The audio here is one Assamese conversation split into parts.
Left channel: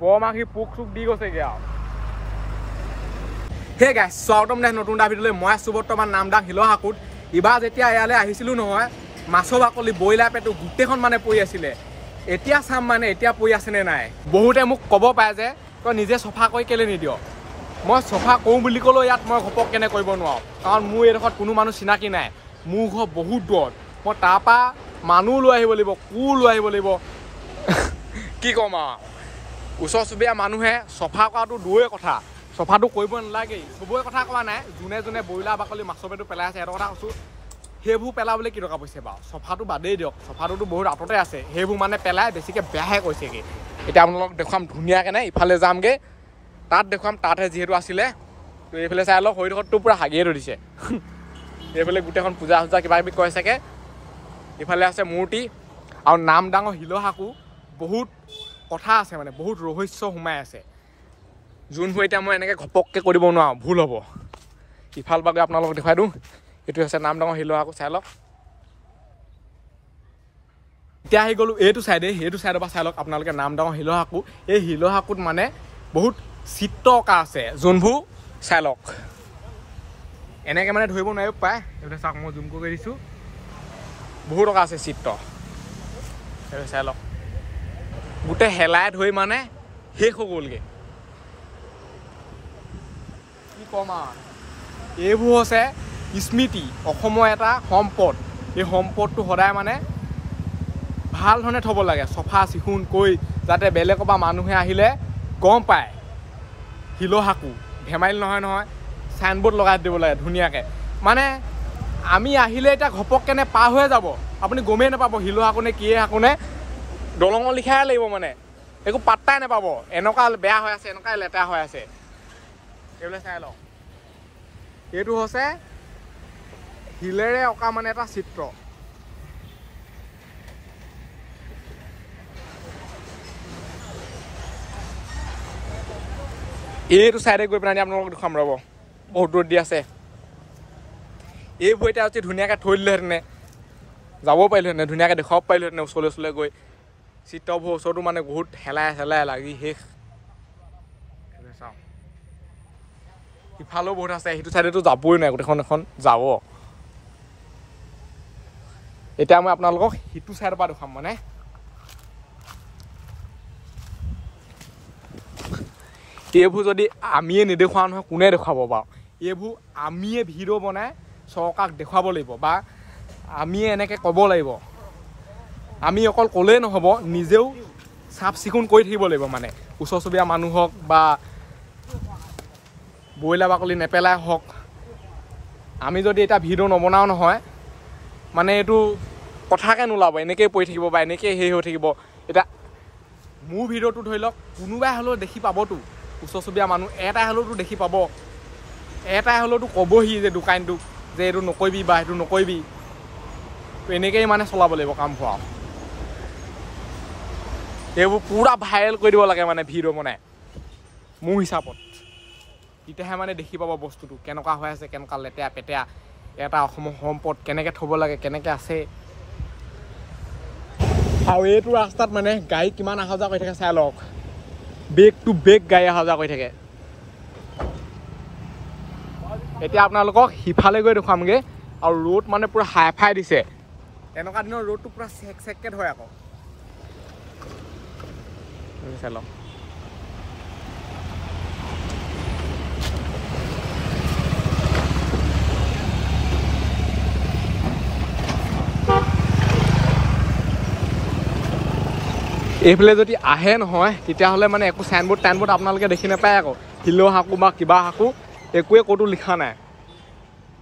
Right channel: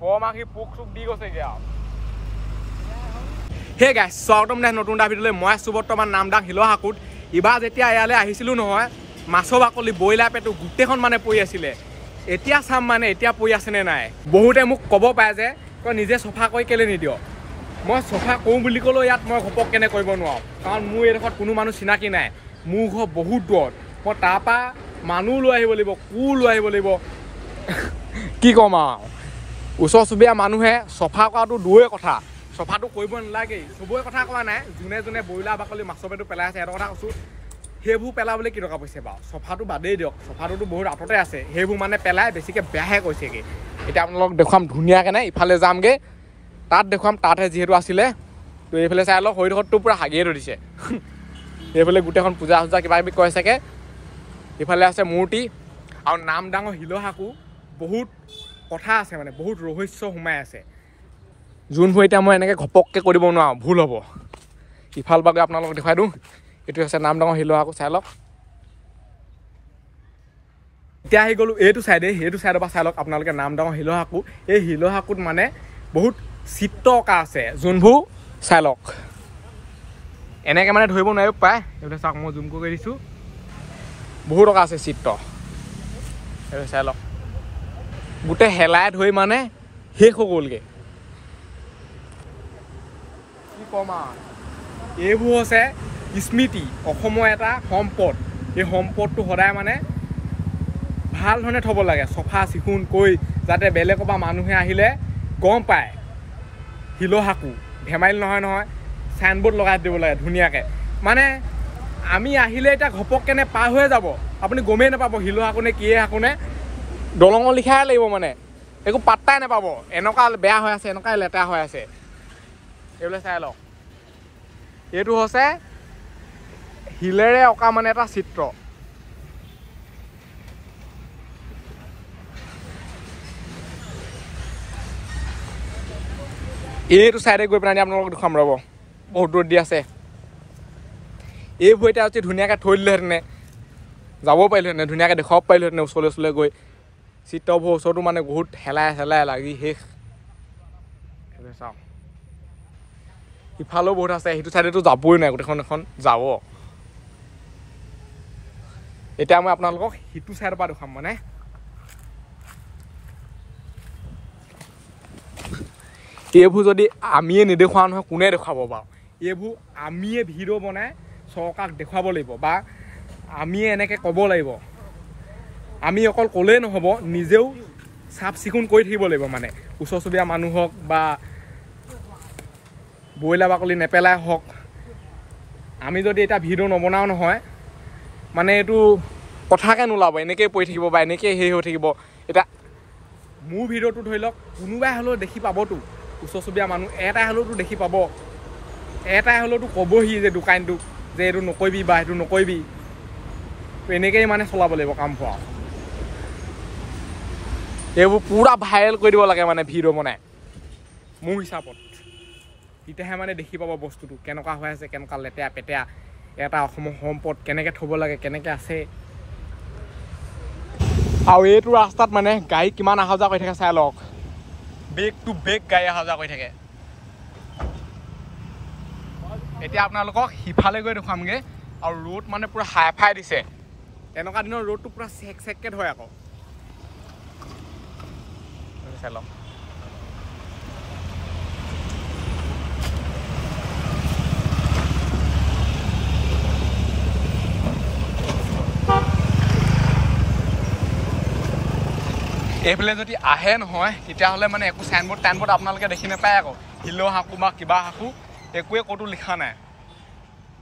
বৰমাখি পোক চোক দি গৈছেগে আৰু হে গাইছ স্বাগতম নাই নতুন এটা ভিডিঅ'লৈ মই আছোঁ বৰ্তমান নামদাং শিলহাকুত ইবাৰ যেতিয়া ইয়ালৈ আহিছিলোঁ নহয় মাছৰ বাকলি ব্ৰইলাৰ পেটু গোটেইখন মানে পৰি আছিলে এতিয়া চাম মানে এতিয়া পৰি আছেনে নাই বহুতে মোক ক'ব পাৰে যে তই নিজে চফা কৰি কেলে নিদিয় মই চফা কৰোঁ বুলি ক'লেও ইয়াত মই ঘপক কেনে কৰিব নোৱাৰোঁ কাৰণ মোৰ এইডোখৰত কোনো মানুহ চিনাকি নাই মোৰ ঘৰ বহুত দূৰত মই তাৰপৰা মানুহ লৈ আহিব লাগিব লৈ আহিব লাগিব কি ক'ম আৰু ওচৰ চুবুৰীয়া মানুহে চফা কৰাটো দূৰৰে কথা চফাটো কৰিব নালাগেই চবৰে কথা কোৱা নাই যোনে যোনে ব্ৰইলাৰ বাকলি মাছৰ পেটু পেলাই আছে এটা কথা কৈছোঁ সেইবোৰ পেলাবলৈ কি টকা পইচা বাৰু চফাটো বাদেই দিয়ক চফাটোতো বহুত আঁততে আছে সেইবোৰ মানে পেলাই বেছিকৈ বেয়াহে কৈছেগৈ এতিয়া আপোনালোকক দেখুৱাম ধুনীয়াকৈ নাই ইফালে যামগৈ তাত দেখুৱাম তাতহে যিহেতু আছিলে তো এইফালে চাই অলপ শৰীৰটো পূৰা হাগিয়ে ধৰিছে এইফালে গোটেইখন পূজা চূজা কিবা কিবি কৈ চাগে ইফালে আছে মূৰ্তি আৰু নামদাঙৰ শিলহাকু বহুত কথা আছে মানে বহুত ৰহস্য সোমাই আছে যোনবোৰ এতিয়া মই এনেকৈ ঘপককৈ কৰিব নোৱাৰোঁ ভুল হ'ব ইফাল বাগৈ আপোনালোকক দেখুৱাই দিওঁ এইটো হৈছে নামদাঙৰ শিলহাকু চাই লওক এতিয়া আহি গ'লোঁ এইটো চাইডে সেইটো চাইডৰ পৰা চাই লওক আপোনালোকে নামদাঙৰ শিলহাকু এই শিলহাকুত মানে বহুত চিত্ৰ অঁকা আছে যোনবোৰ চাই লওক এনেকৈ মানে ধৰিব নোৱাৰিব পায় এইফালে চাওক মই জুম কৰি দিছোঁ বহুত টকা আছে চিত্ৰ এইফালে চাই লওক গোটেই হেলাই ধৰি মানে শেষ হৈ গ'লগৈ কি ক'ম আৰু এইবোৰ হৈছে স্মৃতি অসমৰ এটা সম্পদ এই সম্পদটো সদায় মানে ভাল ধৰণে থ'ব লাগে চফা চিকুণ কৰি যাতে বেলেগৰ পৰা মানুহে আহিলে গম পায় শিলহাকু ধেমালি নহয় চাইনবোৰ্ড লগাই দিব লাগে ধুনীয়াকৈ মানে আমি আহিলে এতিয়া ঘপককেনে পাৰ হৈ যাব আপুনি গমেই নাপাব শিলহাকু নে কিয়ে হাকু নে দলঙৰ লিখাই লাগিব মানে একো পাত্তাই নাপাব এনেকুৱা বেয়া হৈ আছে এনেকুৱাই লেতেৰা হৈ আছে এইবিলাক চাই লওক এইটো হৈছে শিলেৰে অঁকা মানে এটা চিত্ৰ এইটো চাইডে গৈ পেলাই আপোনালোকক দেখুৱাম ৰ'ব বহুত দূৰত দি আছে এইবোৰ এতিয়া অতি ধুনীয়াকৈ থৈ দিলেহেঁতেনে যাব পাৰিলোহেঁতেনে ধুনীয়াকৈ দেখুৱাব পাৰিলোহেঁতেনে ওচৰলৈ গৈ চিত্ৰবোৰ ওচৰতো মানে বহুত হেলাই লাগি শেষ চাওঁ ইফালেও বহুত আছে সেইটো চাইডেতো যাবই নাই গোটেইখন এখন যাব এতিয়া মই আপোনালোকক সিটো চাইডৰ পৰা দেখুৱাম মানে এইবোৰ যদি আমিয়ে নেদেখুৱাওঁ নহয় কোনে দেখুৱাব বাৰু এইবোৰ আমিয়ে ভিডিঅ' বনাই চৰকাৰক দেখুৱাব লাগিব বা আমিয়ে এনেকৈ ক'ব লাগিব আমি অকল ক'লেই নহ'ব নিজেও চাফ চিকুণ কৰি থাকিব লাগিব মানে ওচৰ চুবুৰীয়া মানুহ হওক বা ব্ৰইলাৰ বাকলি নেপেলাই হওক আমি যদি এতিয়া ভিডিঅ' নবনাওঁ নহয় মানে এইটো কথাকে নোলাব এনেকৈয়ে পৰি থাকিব বা এনেকৈয়ে হেৰি হৈ থাকিব এতিয়া মোৰ ভিডিঅ'টো ধৰি লওক কোনোবাই হ'লেও দেখি পাবতো ওচৰ চুবুৰীয়া মানুহ এটাই হ'লেওতো দেখি পাব এটাই হ'লেওতো ক'বহি যে দোকানটোক যে এইটো নকৰিবি বা সেইটো নকৰিবি এনেকৈয়ে মানে চলাব লাগিব কাম হোৱা এইবোৰ পূৰা ভাইৰেল কৰি দিব লাগে মানে ভিডিঅ' বনাই মোৰ হিচাপত তেতিয়াহে মানে দেখি পাব বস্তুটো কেনেকুৱা হৈ আছে কেনেকুৱা লেতেৰা পেতেৰা এটা অসমৰ সম্পদ কেনেকৈ থ'ব লাগে কেনেকৈ আছে আৰু এইটো ৰাস্তাত মানে গাড়ী কিমান অহা যোৱা কৰি থাকে চাই লওক বেগ টু বেগ গাড়ী অহা যোৱা কৰি থাকে এতিয়া আপোনালোকক সিফালে গৈ দেখুৱামগৈ আৰু ৰ'দ মানে পূৰা হাই ফাই দিছে এনেকুৱা দিনৰ ৰ'দটো পূৰা চেককৈ ধৰে আকৌ চাই লওক এইফালে যদি আহে নহয় তেতিয়াহ'লে মানে একো চাইনবোৰ্ড আপোনালোকে দেখি নাপায় আকৌ শিলহাকু বা কিবা হাকু একোৱে ক'তো লিখা নাই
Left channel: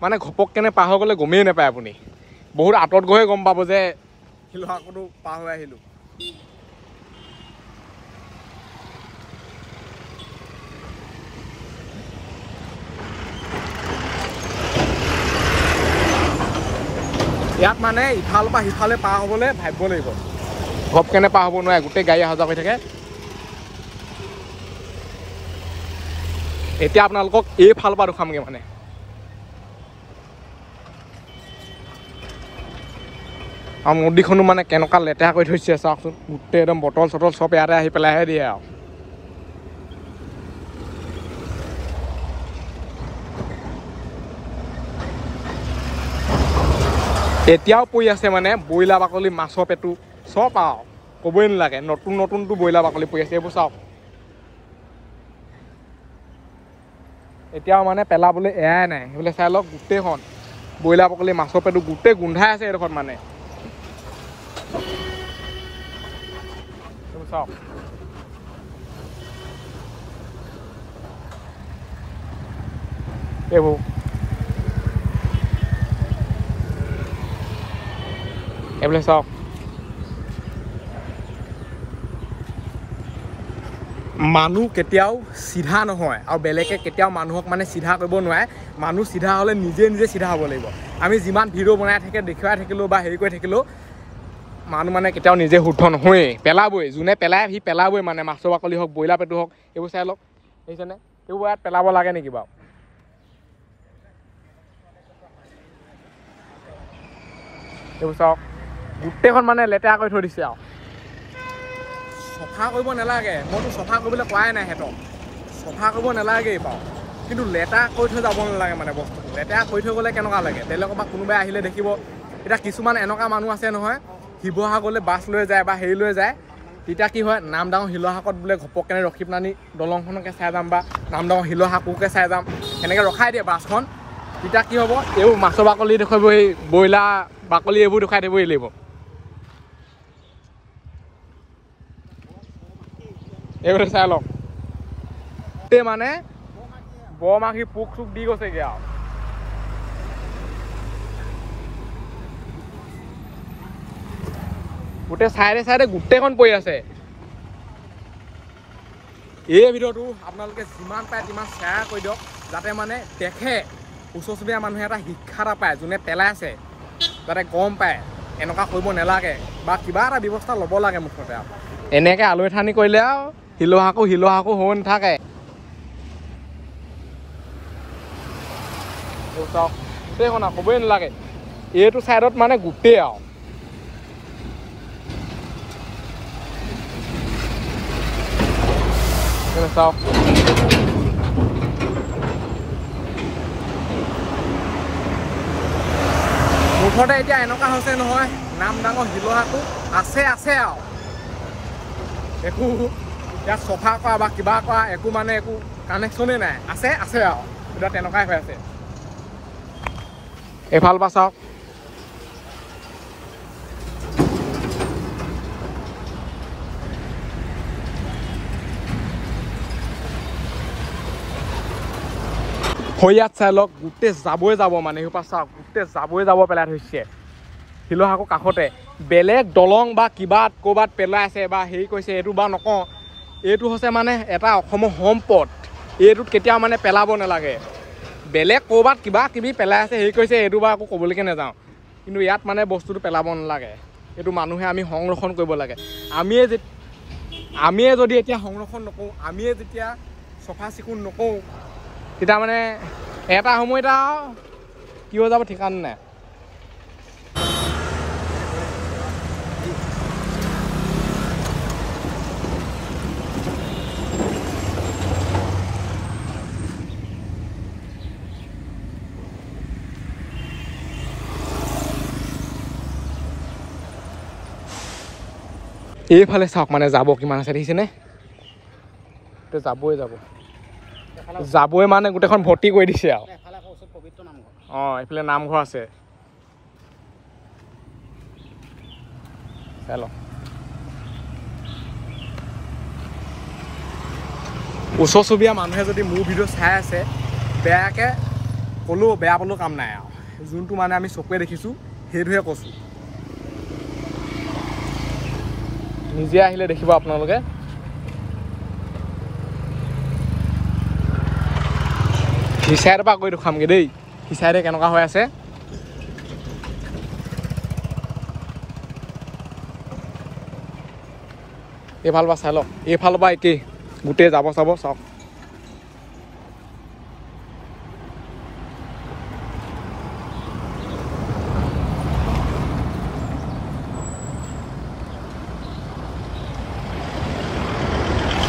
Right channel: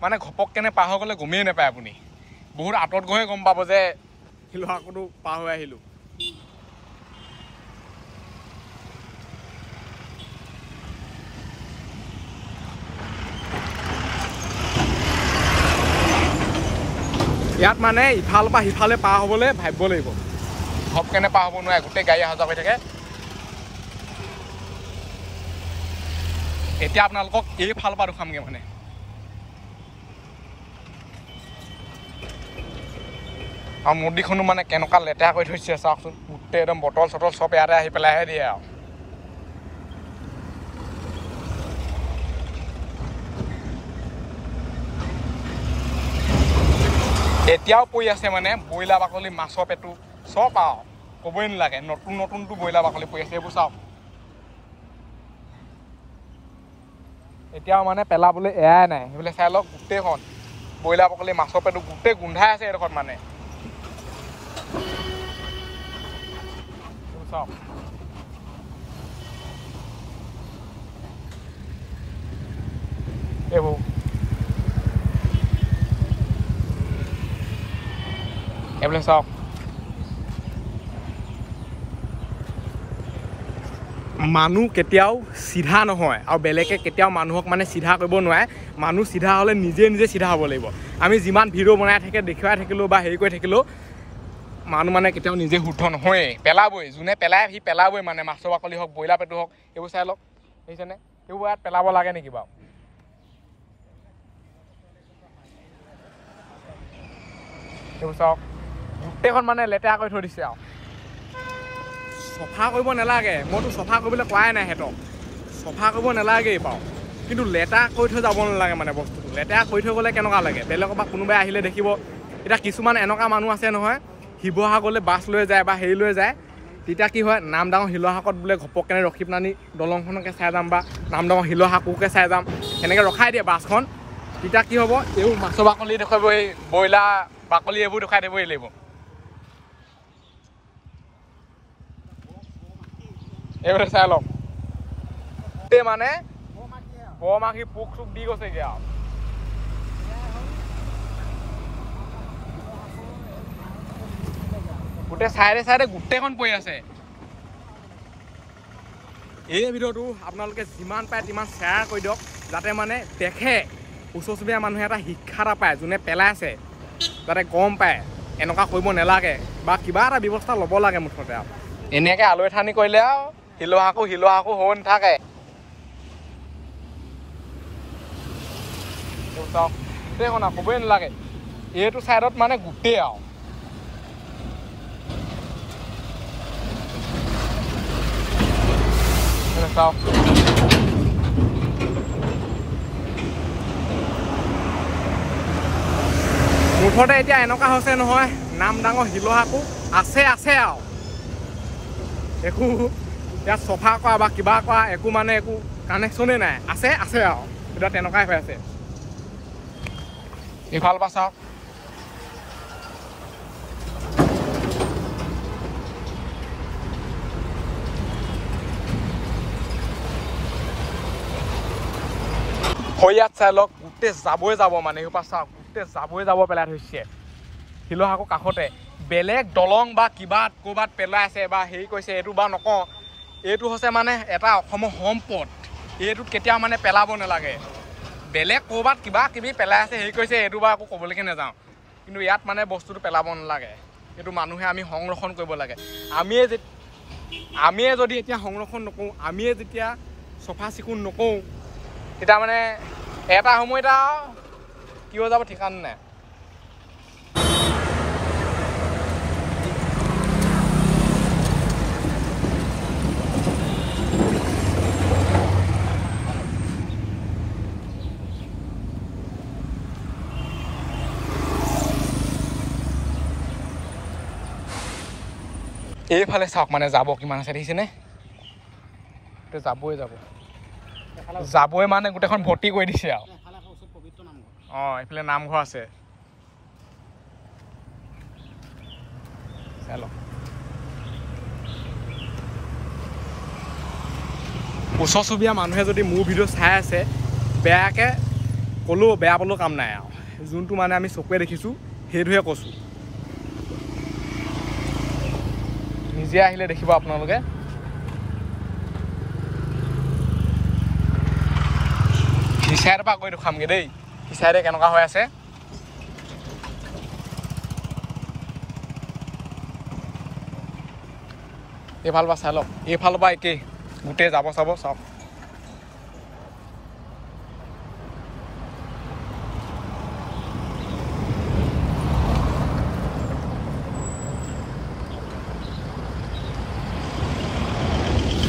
মানে ঘপককেনে পাৰ হৈ গ'লে গমেই নাপায় আপুনি বহুত আঁতৰত গৈহে গম পাব যে শিলহাকুটো পাৰ হৈ আহিলোঁ ইয়াত মানে ইফালৰ পৰা সিফালে পাৰ হ'বলৈ ভাবিব লাগিব ঘপকেনে পাৰ হ'ব নোৱাৰে গোটেই গাড়ী অহা যোৱা হৈ থাকে এতিয়া আপোনালোকক এইফালৰ পৰা দেখুৱামগৈ মানে আৰু নদীখনো মানে কেনেকুৱা লেতেৰা কৰি থৈছে চাওকচোন গোটেই একদম বটল চটল চব ইয়াতে আহি পেলাইহে দিয়ে আৰু এতিয়াও পৰি আছে মানে ব্ৰইলাৰ বাকলি মাছৰ পেটু চব আৰু ক'বই নালাগে নতুন নতুনটো ব্ৰইলাৰ বাকলি পৰি আছে এইবোৰ চাওক এতিয়াও মানে পেলাবলৈ এৰাই নাই সেইবিলাক চাই লওক গোটেইখন ব্ৰইলাৰ বাকলি মাছৰ পেটু গোটেই গোন্ধাই আছে এইডোখৰত মানে চাওক এইবোৰ এইবিলাক চাওক মানুহ কেতিয়াও চিধা নহয় আৰু বেলেগে কেতিয়াও মানুহক মানে চিধা কৰিব নোৱাৰে মানুহ চিধা হ'লে নিজে নিজে চিধা হ'ব লাগিব আমি যিমান ভিডিঅ' বনাই থাকে দেখুৱাই থাকিলেও বা হেৰি কৰি থাকিলেও মানুহ মানে কেতিয়াও নিজে শুদ্ধ নহয়েই পেলাবই যোনে পেলাই সি পেলাবই মানে মাছৰ বাকলি হওক ব্ৰইলাৰ পেটু হওক এইবোৰ চাই লওক দেখিছেনে এইবোৰ ইয়াত পেলাব লাগে নেকি বাৰু এইবোৰ চাওক গোটেইখন মানে লেতেৰা কৰি থৈ দিছে আৰু চফা কৰিব নালাগে মইতো চফা কৰিবলৈ কোৱাই নাই সিহঁতক চফা কৰিব নালাগেই বাৰু কিন্তু লেতেৰা কৰি থৈ যাব নালাগে মানে বস্তুটো লেতেৰা কৰি থৈ গ'লে কেনেকুৱা লাগে বেলেগৰ পৰা কোনোবাই আহিলে দেখিব এতিয়া কিছুমান এনেকুৱা মানুহ আছে নহয় শিৱসাগৰলৈ বাছ লৈ যায় বা হেৰি লৈ যায় তেতিয়া কি হয় নামডাঙৰ শিলহাকত বোলে ঘপককেনে ৰখি পেলানি দলংখনকে চাই যাম বা নামডাঙৰ শিলহাকুকে চাই যাম এনেকৈ ৰখাই দিয়ে বাছখন তেতিয়া কি হ'ব এইবোৰ মাছৰ বাকলি দেখুৱাব এই ব্ৰইলাৰ বাকলি এইবোৰ দেখুৱাই দিবই লাগিব এইবোৰ চাই লওক গোটেই মানে বৰমাখি পোক চোক দি গৈছেগৈ আৰু গোটেই চাইডে চাইডে গোটেইখন পৰি আছে এই ভিডিঅ'টো আপোনালোকে যিমান পাৰে তিমান শ্বেয়াৰ কৰি দিয়ক যাতে মানে দেখে ওচৰ চুবুৰীয়া মানুহে এটা শিক্ষা এটা পায় যোনে পেলাই আছে যাতে গম পায় এনেকুৱা কৰিব নালাগে বা কিবা এটা ব্যৱস্থা ল'ব লাগে মুঠতে আৰু এনেকৈ আলু ঠানি কৰিলে আৰু শিলহাকু হৈ নাথাকে ক'বই নালাগে এইটো চাইডত মানে গোটেই আৰু মুঠতে এতিয়া এনেকুৱা হৈছে নহয় নামডাঙৰ শিলহাকু আছে আৰু একো ইয়াত চফা কৰা বা কিবা কৰা একো মানে একো কানেকশ্যনেই নাই আছে আৰু এতিয়া তেনেকুৱাই হৈ আছে এইফাল পৰা চাওক ইয়াত চাই লওক গোটেই যাবই যাব মানে সেইপৰা চাওক গোটেই যাবই যাব পেলাই থৈছে শিলহাকু কাষতে বেলেগ দলং বা কিবা ক'ৰবাত পেলাই আছে বা হেৰি কৰিছে এইটো বা নকওঁ এইটো হৈছে মানে এটা অসমৰ সম্পদ এইটোত কেতিয়াও মানে পেলাব নালাগে বেলেগ ক'ৰবাত কিবা কিবি পেলাই আছে হেৰি কৰিছে এইটো বা আকৌ ক'বলৈকে নাযাওঁ কিন্তু ইয়াত মানে বস্তুটো পেলাব নালাগে এইটো মানুহে আমি সংৰক্ষণ কৰিব লাগে আমিয়ে যদি এতিয়া সংৰক্ষণ নকৰোঁ আমিয়ে যেতিয়া চফা চিকুণ নকৰোঁ তেতিয়া মানে এটা সময়ত আৰু কি হৈ যাব ঠিকানা নাই এইফালে চাওক মানে যাব কিমান আছে দেখিছেনে যাবই মানে গোটেইখন ভৰ্তি কৰি দিছে আৰু এইফালে নামঘৰ আছে ওচৰ চুবুৰীয়া মানুহে যদি মোৰ ভিডিঅ' চাই আছে বেয়াকৈ ক'লেও বেয়া পালেও কাম নাই আৰু যোনটো মানে আমি চকুৱে দেখিছোঁ সেইটোহে কৈছোঁ নিজে আহিলে দেখিব আপোনালোকে সিচাইডৰ পৰা কৰি দেখুৱামগৈ দেই সিচাইডে কেনেকুৱা হৈ আছে এইফালৰ পৰা চাই লওক এইফালৰ পৰা একেই গোটেই যাব চাব চব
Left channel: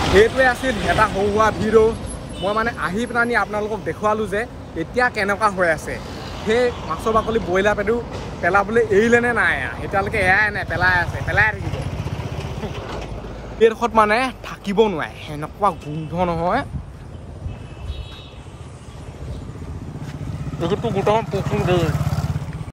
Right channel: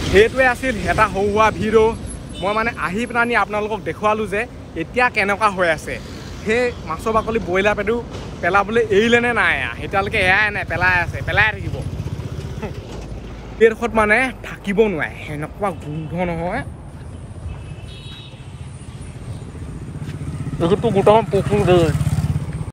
সেইটোৱে আছিল এটা সৰু সুৰা ভিডিঅ' মই মানে আহি পেলানি আপোনালোকক দেখুৱালোঁ যে এতিয়া কেনেকুৱা হৈ আছে সেই মাছৰ বাকলি ব্ৰইলাৰ পেটু পেলাবলৈ এৰিলে নে নাই এতিয়ালৈকে এৰাই নাই পেলাই আছে পেলাই থাকিব এইডোখৰত মানে থাকিব নোৱাৰে এনেকুৱা গোন্ধ নহয় এইটো গোটাখন পোকটো